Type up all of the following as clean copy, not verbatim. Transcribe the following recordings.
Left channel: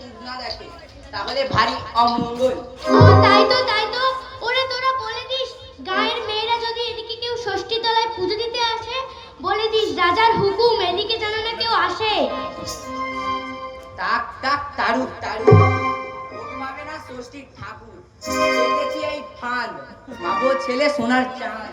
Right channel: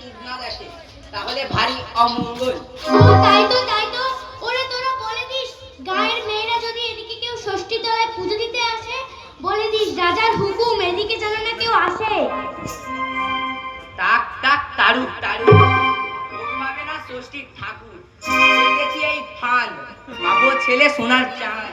মুখ না দেখে তাহলে ভারী অমঙ্গল। তাই তো ওরে তোরা বলে দিস গায়ের মেয়েরা যদি এদিকে কেউ ষষ্ঠী তলায় পুজো দিতে আসে বলে দিস রাজার হুকুম এদিকে যেন না কেউ আসে। টাক টাক তারুক পাবে না ষষ্ঠীর ঠাকুর দেখেছি এই ফান পাবো ছেলে সোনার চাঁদ।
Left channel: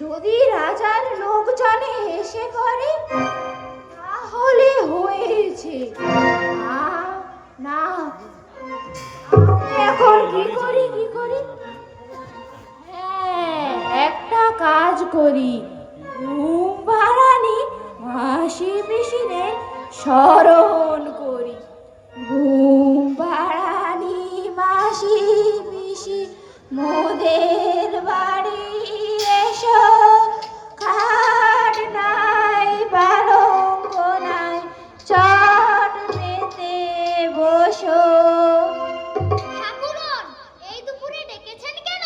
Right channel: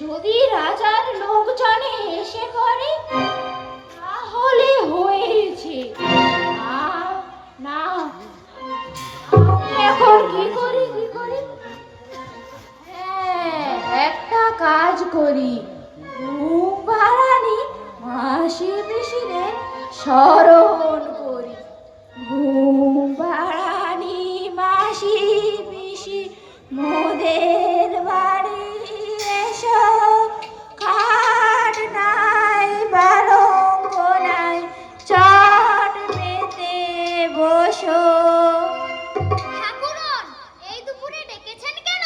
যদি রাজার লোকজনে এসে করে তাহলে হয়েছে। না এখন কি করি একটা কাজ করি, ঘুমপাড়ানি মাসি পিসিদের স্মরণ করি। ঘুমপাড়ানি মাসি পিসি মোদের বাড়ি এসো, খাট নাই পালঙ্ক নাই চট পেতে বসো। ঠাকুরন, এই দুপুরে ডেকেছেন কেন?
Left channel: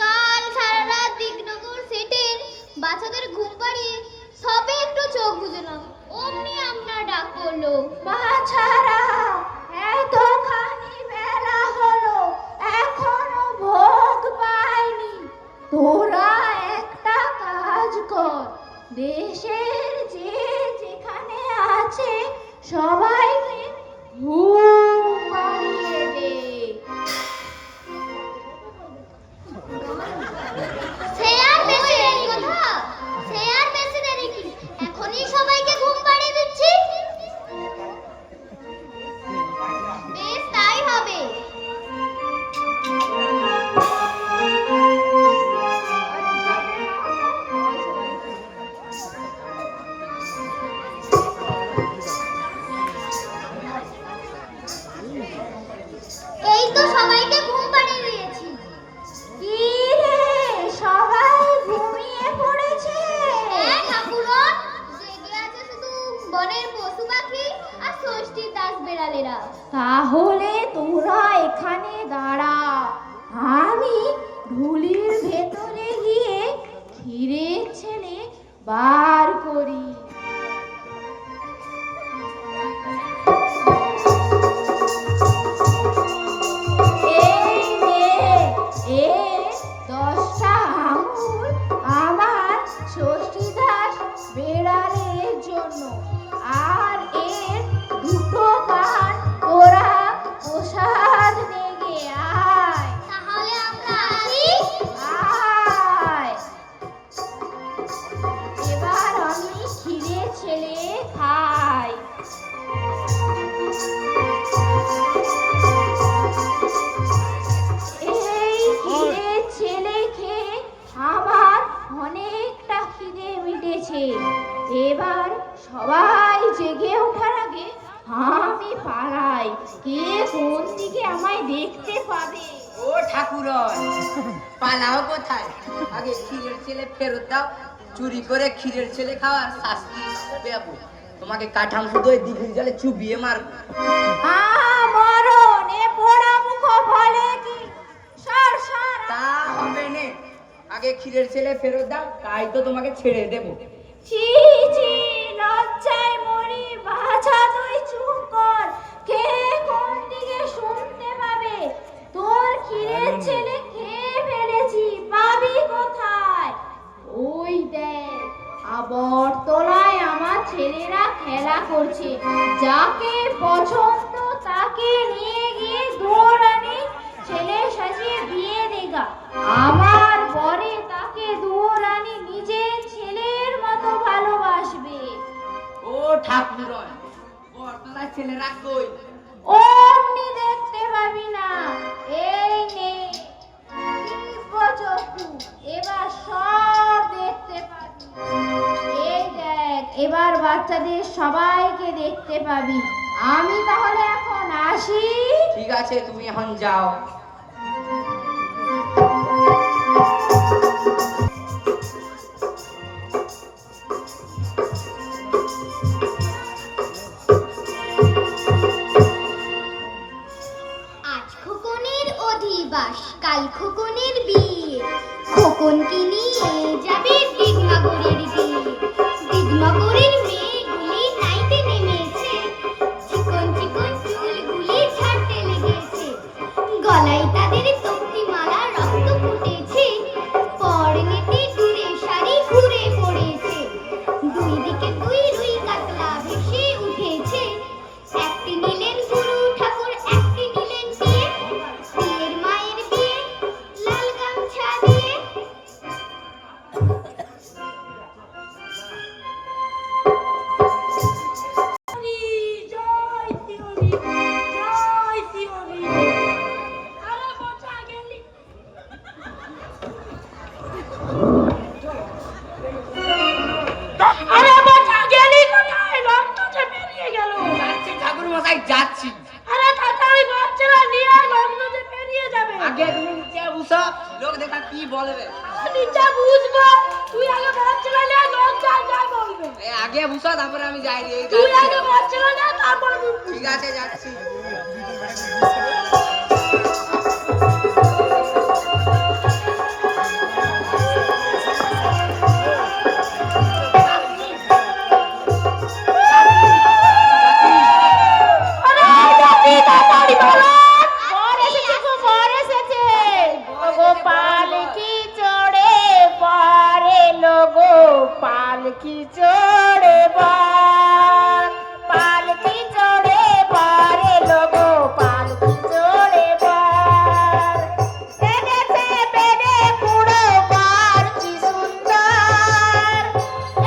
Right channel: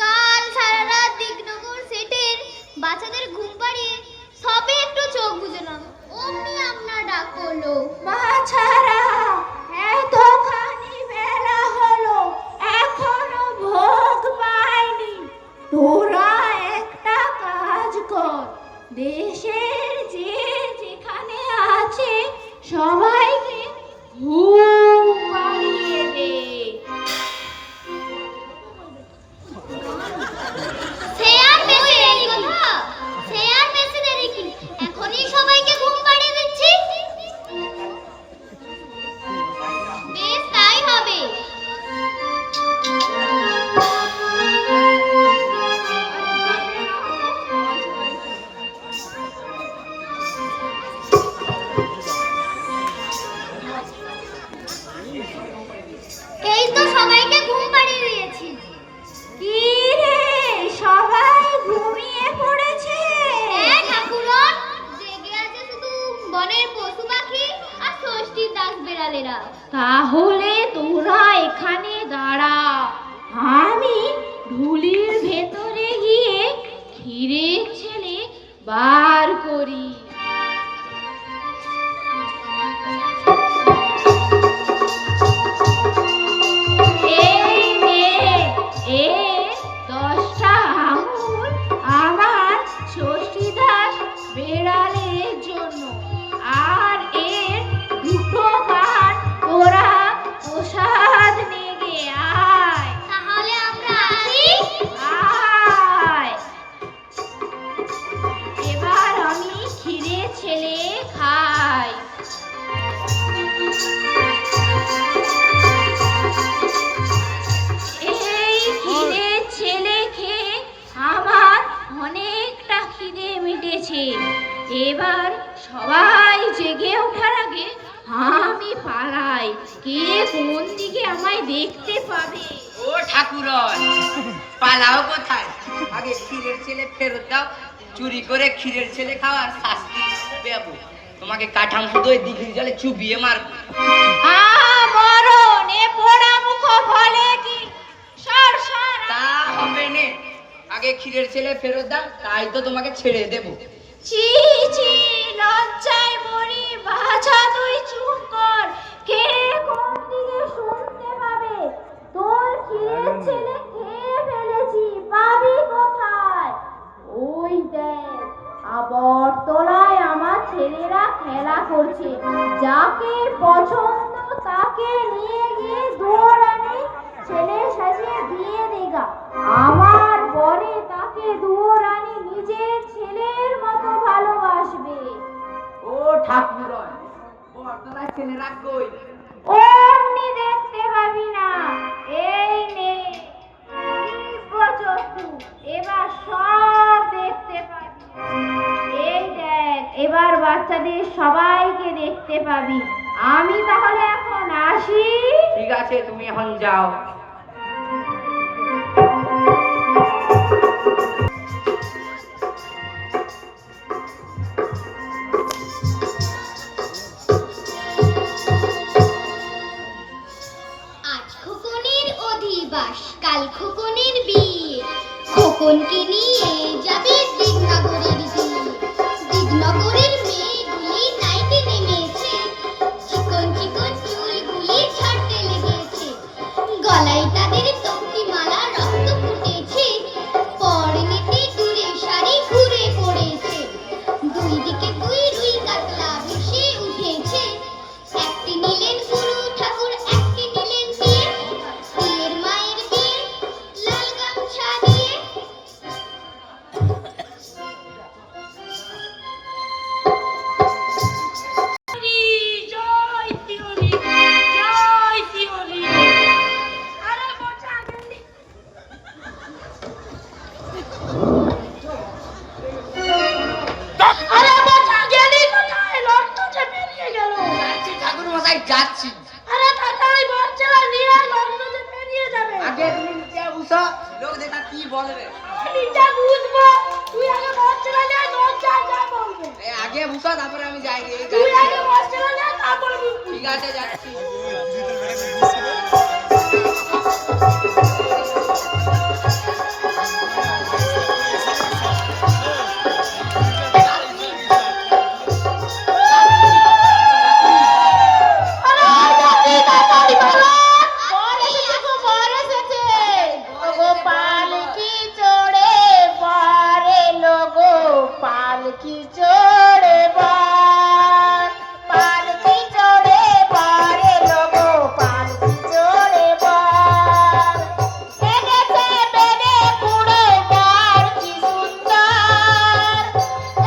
কাল সারা রাত দিগনগর সেটের বাচ্চাদের ঘুম পাড়িয়ে সবে একটু চোখ বুঝলাম, অমনি আপনার ডাক পড়লো। বাছারা, এতখানি বেলা হলো এখনো ভোগ পাইনি। তোরা একটা কাজ কর, দেশের যে যেখানে আছে সবাইকে ঘুম পাড়িয়ে দে। এখনই সবাইকে ঘুম পাড়িয়ে দিচ্ছি। বেশ, তাই হবে। এই তো সবাইকে ঘুম পাড়িয়ে দিয়েছি। কি রে, সবাই ঘুমিয়ে পড়েছে? হ্যাঁ ঠাকুরন, জেগে আছে শুধু বনের পশু পাখি আর ষষ্ঠীর দাস বেড়ালেরা। তাহলে তোরা এখানে দাঁড়া, আমি ঢুলির ভেতরে গিয়ে ক্ষীরের ছেলে বার করি। এবার সবাই জেগে ওঠার আগে আমি পালাই, কে কোন দিকে আমায় দেখতে পাবে। ও ঠাকুরন, পালাও কোথায়? আগে ক্ষীরের ছেলে ফেরত দাও, চুরি করে ক্ষীরের ছেলে খাওয়ার শাস্তি দেবো। তোমাকে কাঠাম শুধু ওই দিঘির জলে চুবিয়ে মারবো। মরণ, এ পোড়া মুখ বলে কি? তা হবে না, আগে ক্ষীরের ছেলে ফেরত দাও, তাই তো তোমাকে ছেড়ে দেবো। ছি ছি, লজ্জায় মরি। বাছা, তুই চুপ কর, কে কোন দিকে শুনতে পাবে? তোর ক্ষীরের ছেলে খেয়ে ফেলেছি, পাবি কোথায়? ওই দেখ, আবর্ত করছে। যাকে পছন্দ তাকে নিয়ে গিয়ে দুয়োরানি ছেলে সাজিয়ে বিয়ে দেগা। আমার পরে তাকে দুয়োরানি নিজের ছেলের মতো ভালোবাসবে। ও ঠাকুর বর্তলা ছেলেরা কই? অমনি দেখতে পাবি না। এই নে চক্ষু, এবার সব দেখতে পাবি। এই দেখ, এবার বাচ্চাদের সবাইকে দেখতে পাবি। আমি তাহলে এখন আসি। ঠিক আছে, তুমি এখন যাও। আজ খোকনের অধিবাস, কাল খোকনের বিয়ে। খোকনকে নিয়ে যাবে দিগনগরের বিয়ে। দিগনগরের মেয়েগুলি নাইতে নেমেছে, চিকন চিকন চুলগুলি ছাড়তে লেগেছে। গলায় তাদের তক্তি মালা রক্ত ফুটেছে, পরনেতে দূরে শাড়ি ঘুরে পড়েছে। দুই দিকে দুই রুই কাতলা ভেসে উঠেছে। একটি নিলেন গুরু ঠাকুর, একটি নিলেন দিয়ে। বিয়ের মায়ের বিয়ে, লাল গামছা দিয়ে। জয় শিহরি, জয় শিহরি। আরে বাঁচা গেলি। আরে বাঁচা গেলি কোথায়? রক্ত যে বেরিয়ে গেল। যাচ্ছি ঠাকুর মশাই, যাচ্ছি। আরে তাড়াতাড়ি বাচ্চারা নিয়ে আয়, রক্ত যে বেরিয়ে যাবে। আগে তুমি নিচে বসো, লোক দেখা কি বলবে। নিচে বুঝবো, তুই আগে বাচ্চারা নিয়ে আয়, লোক যা যা বলবে। আগে বসো, তারপরে আমি যাই। তুই আগে বাচ্চারা নিয়ে আয়, তারপরে বুঝবি। ঠিক আছে, যাচ্ছি। পালকি চড়ে বার, পালকি চড়ে বারে লোগো, পালকি চড়ে বার। এনেছে বেড়ে পুরো বার কি সুন্দর,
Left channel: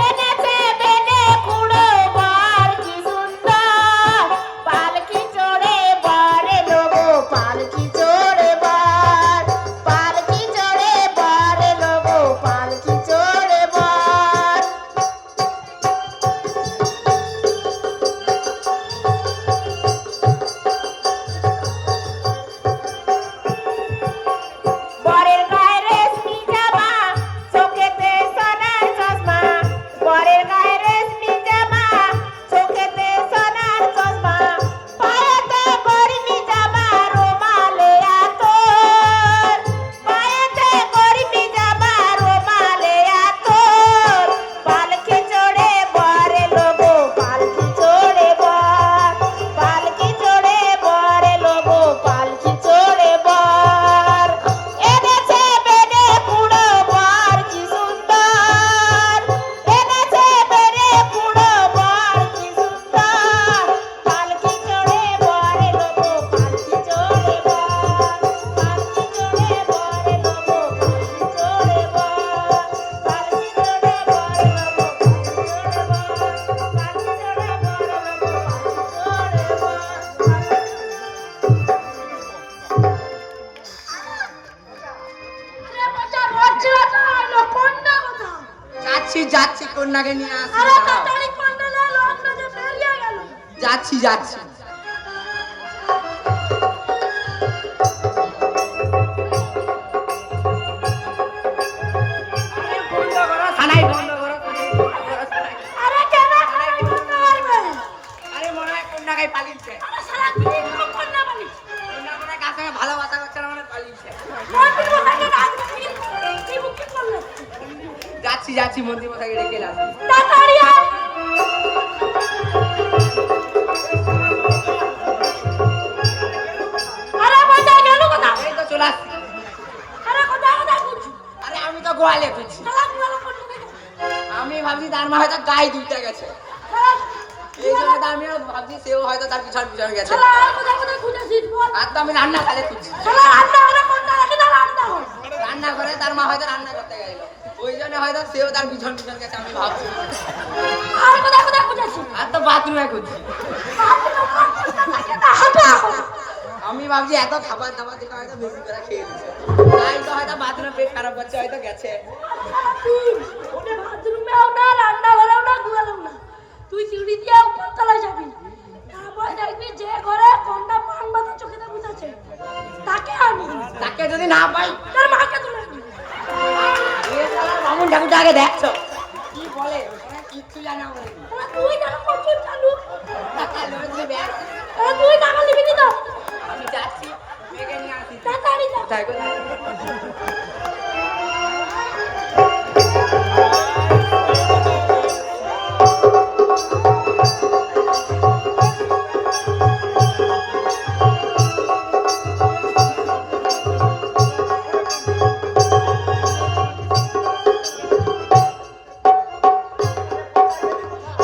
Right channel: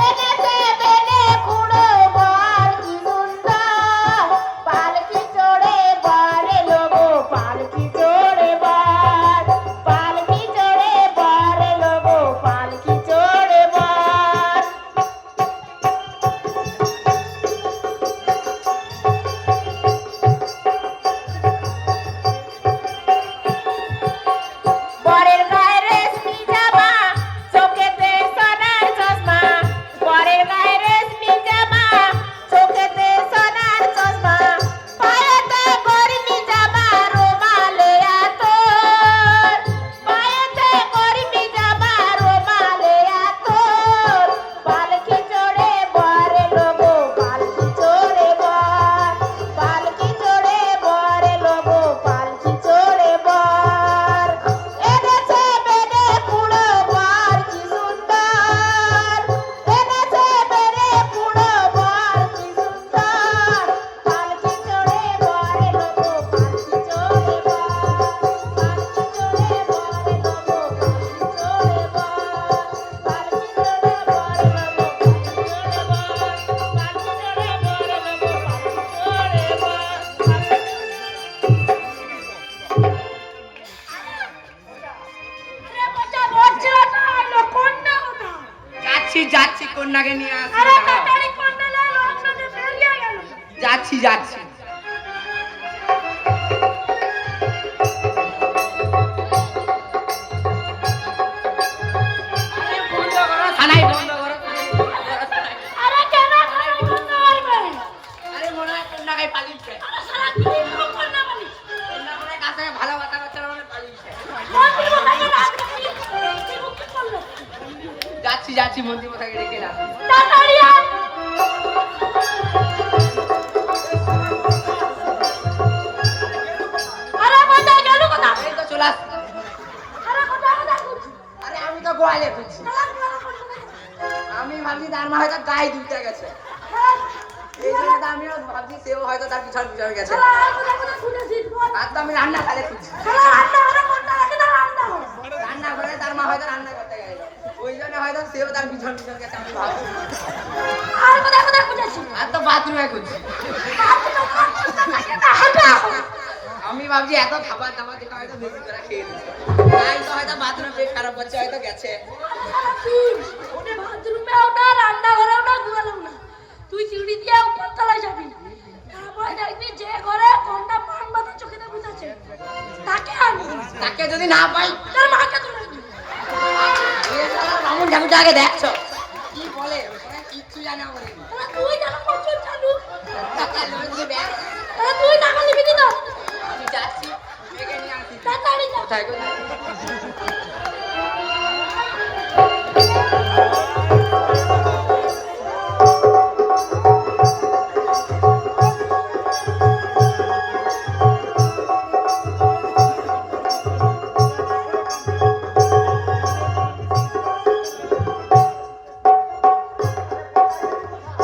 এনেছে বেড়ে পুরো বার কি সুন্দর। পালকি চড়ে বারে লোগো, পালকি চড়ে বার, পালকি চড়ে বারে লোগো, পালকি চড়ে বার। বরের গায়ে রেশমি জামা, চোখেতে সোনার চশমা। বরের গায়ে রেশমি জামা, চোখেতে সোনার চশমা। পায়েতে গরমি জামা, রুমালে আতর। পায়েতে গরমি জামা, রুমালে আতর। পালকি চড়ে বরে লোগো, পালকি চড়ে বার, পালকি চড়ে বরে লোগো, পালকি চড়ে বার। এনেছে বেড়ে পুরো বার কি সুন্দর, এনেছে বেড়ে পুরো বার কি সুন্দর। পালকি চড়ে বরে লোগো, পালকি চড়ে বার, পালকি চড়ে বরে লোগো, পালকি চড়ে বার, পালকি চড়ে বরে লোগো, পালকি চড়ে যাচ্ছি যাচ্ছি, কন্যাকে নিয়ে আসছি। যাচ্ছি যাচ্ছি। বন্ধ করো থানায়, বন্ধ করো। আরে মনে হয় কন্যাকে পালিয়েছে। কন্যাকে কাছ থেকে ভালোবাসা করছে না, মানে পালিয়েছে। যাচ্ছি যাচ্ছি, মন্ত্রী মশাইকে রেখে এলাম। এই তো চলে আসছি। আরে আমি তো গোয়ালে খুঁজছি। আমি ভাবছি তার মা হয়তো গায়ে দুধটা গেছে। এই জন্য তো আমি ভাবছি সেও হয়তো তার পিছন পিছন গেছে। শালা আর কোথায় কোথায় খুঁজেছিস বল? আর তো আমি রান্না খালে খুঁজছি। শালা রান্নাঘরে কোনটা রাখি না রান্নাঘর? রান্না করে তার মা হয়তো রান্না করতে গেল, ওই জন্য হয়তো সেও তার পিছন পিছন গেছে আমি ভাবছি। আর কোথায় কোথায় খুঁজেছিস? আর তো বাথরুমে খুঁজছি। আমি ভাবছি এত খাবার দাবার দেখে হয়তো বেশি করে খেয়ে দিচ্ছে, তাই তো হয়তো বাথরুমে পেট খারাপ করছে, হয়তো গেছে। তুই বাথরুমেও না রান্নাঘরেও না ঘুমালেও না, তুই সিঁড়ি দিয়ে উপরতলায় যাবি, তারপরে দেখবি যে ঘরে কোনটা পান বাঁধা চোখে বুঝেছে তাকে আনবি, তাকে যদি না পাই তার মাকে তুলে আনবি। এমন ঠাকুরটা আগে দেখছো কি বলে, কিচ্ছু জানা বলে তুই কেন করছিস চালু? আমি তুই টাকা দিবি নি তো? যাচ্ছি, মেয়েকে নিয়ে আসি। তাড়াতাড়ি যা। কোথায় কোথায়?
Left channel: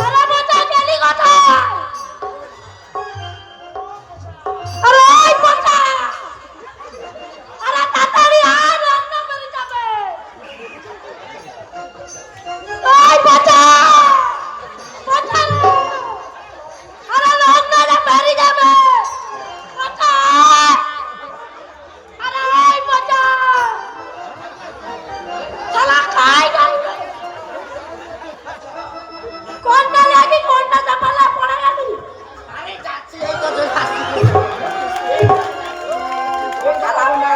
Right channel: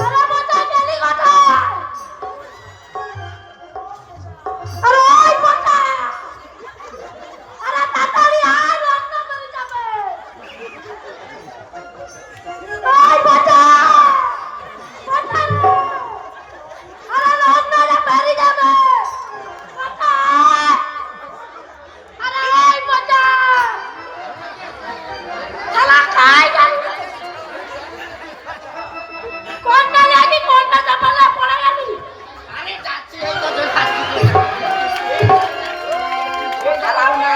আরে বাচ্চা গেলি কোথায়? আরে ওই বাচ্চা! আরে তাড়াতাড়ি আয়, রান্না করে যাবে। ওই বাচ্চা! বাচ্চা রে! আরে রান্নাটা বেড়ে যাবে। বাচ্চা! আরে ওই বাচ্চা! শালা খাই খাই। কোনটা লাগি কোনটা চাপালা পড়ে গেলি? আমি যাচ্ছি, এই তো যাচ্ছি। এই চালাও না।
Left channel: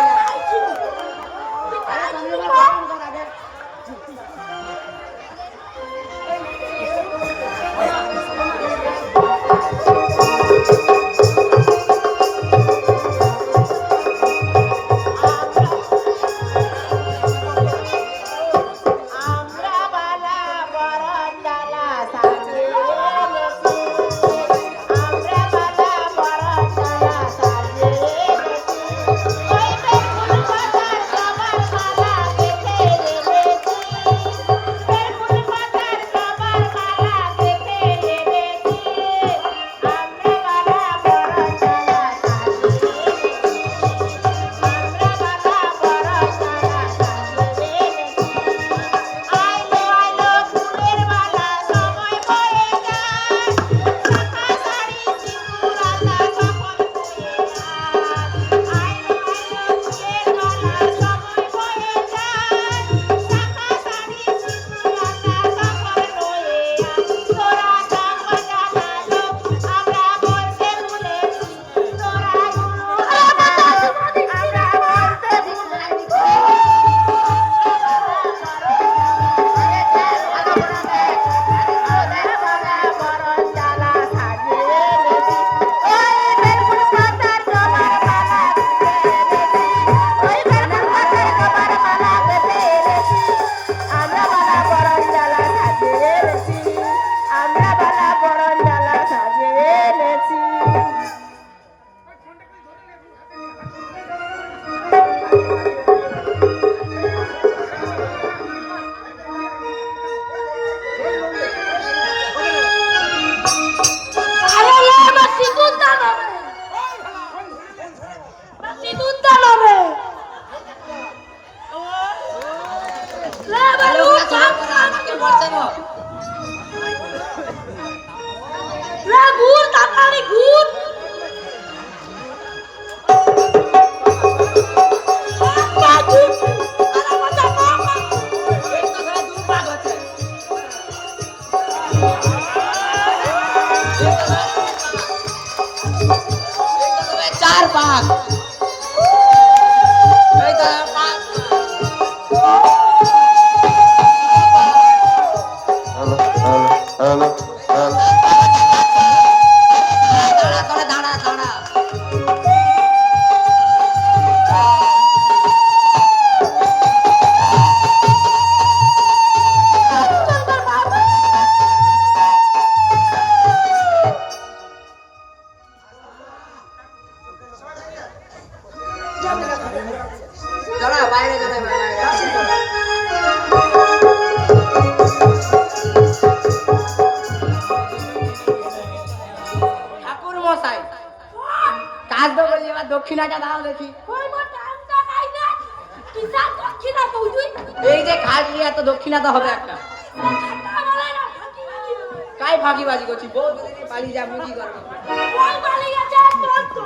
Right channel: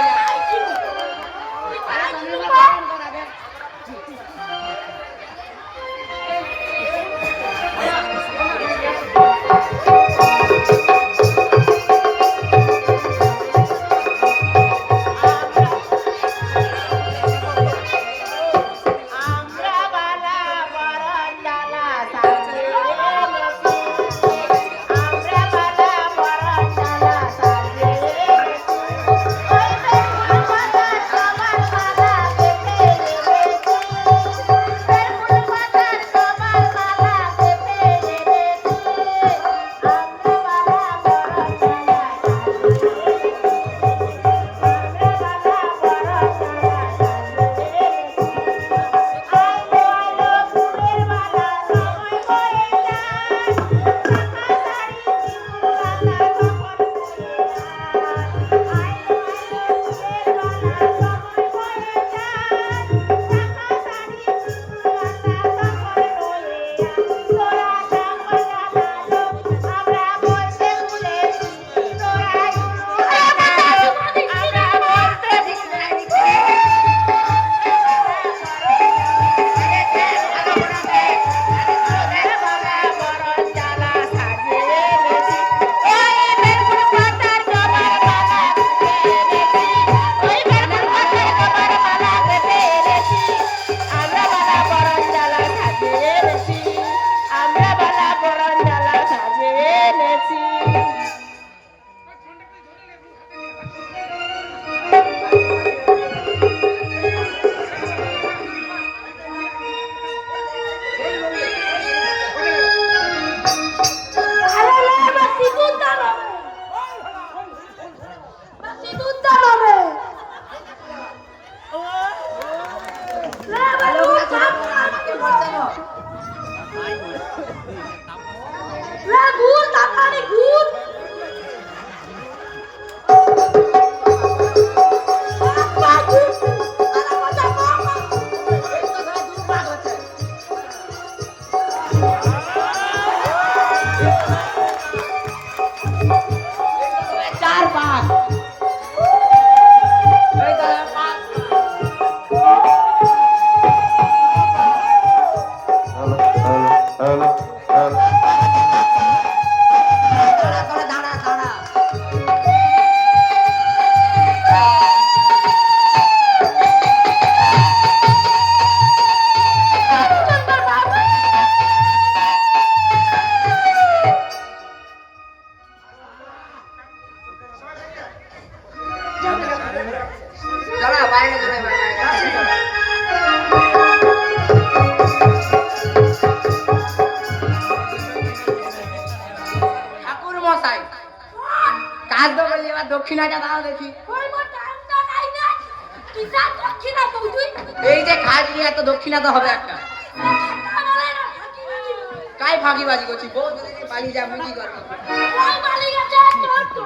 আরে রে বাসি দুধটা নাবে। বাসি দুধটা নাবে। রে বালু রে গুড় তাড়াতাড়ি গুড়। চার পাক, এই তো পাক। দাঁড়া করে দাঁড়া দাঁড়া। চলো বাইরে চলে বাইরে। দক্ষিণাটা দাও দেখি। ওই মোর টাইমটা খাই না তুই যা দক্ষিণা কই তুই এই যে খাজলি এত দক্ষিণাটা হবে একটা। টাকা বলে না ফাঁকি ফাঁকি কাই ফাঁকিবাজি করছি? বউ বলে পালিয়ে যা, মুই কি করবো? ওই বালি গেছে তোর তো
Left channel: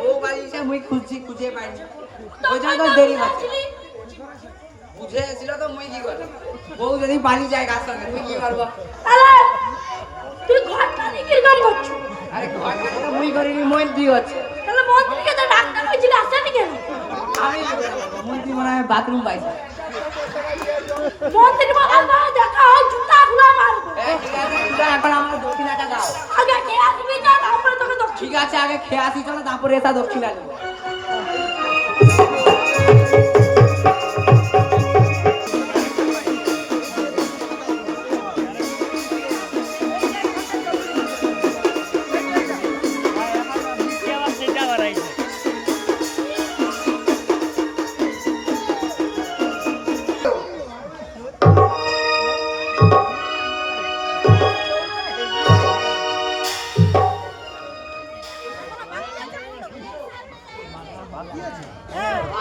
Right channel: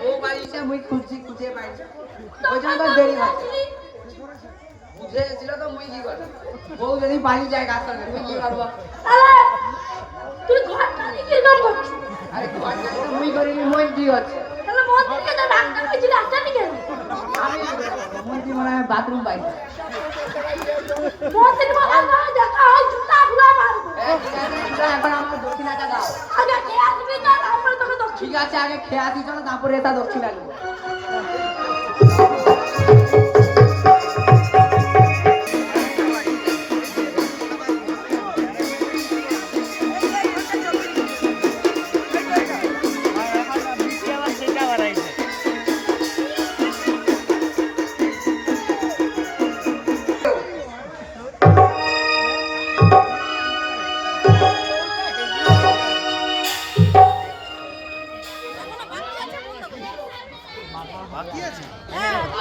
বউ পালিয়েছে, মুই খুঁজে পাই না। ওই জন্য তো দেরি হচ্ছে। বুঝে এসেছিল তো মুই কি করবো? বউ যদি পালিয়ে যায় গাছ সঙ্গে, মুই কি করবো? আরে তুই ঘরটা নিয়ে কাম করছিস আরে ঘরটা তো মুই করিনি, মই কি হচ্ছে? তাহলে মন থেকে তো ডাক্তার কইছিল আসছে নাকি আমি কি করবো? মুই কি মনে হয় বাথরুম পাইছি। মন থেকে বাবা না দেখা হয় জুতা গুলা মারবো এখন আমার দক্ষিণাটা দাও। আগে কে আসবি না আমরা তোকে দক্ষিণ ঠিক আছে, আগে খেয়ে আসি চলো, তারপরে এটা দক্ষিণা নেবো।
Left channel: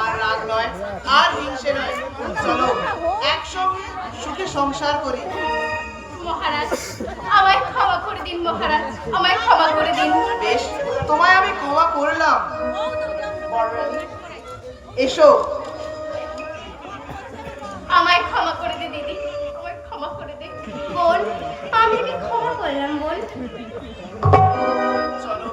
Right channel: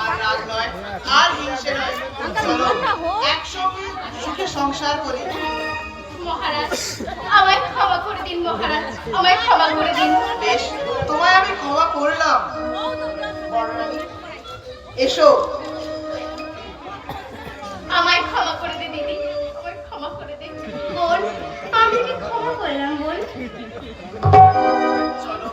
আর রাগ নয়, আর হিংসে নয়। চলো একসঙ্গে সুখে সংসার করি। মহারাজ আমায় ক্ষমা করে দিন মহারাজ, আমায় ক্ষমা করে দিন। বেশ, তোমায় আমি ক্ষমা করলাম। এসো। আমায় ক্ষমা করে দে দিদি, আমায় ক্ষমা করে দে। বোন, আমি কি ক্ষমা করলাম বোন? চলো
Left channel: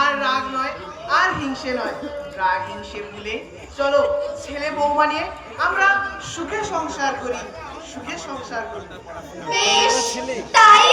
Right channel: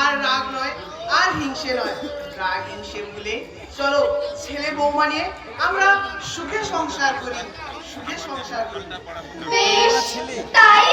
আর রাগ নয়, আর হিংসে নয়। রাগ হিংসে ভুলে চলো ছেলে বউ বানিয়ে আমরা সুখে সংসার করি, সুখে সংসার করি। বেশ, তাই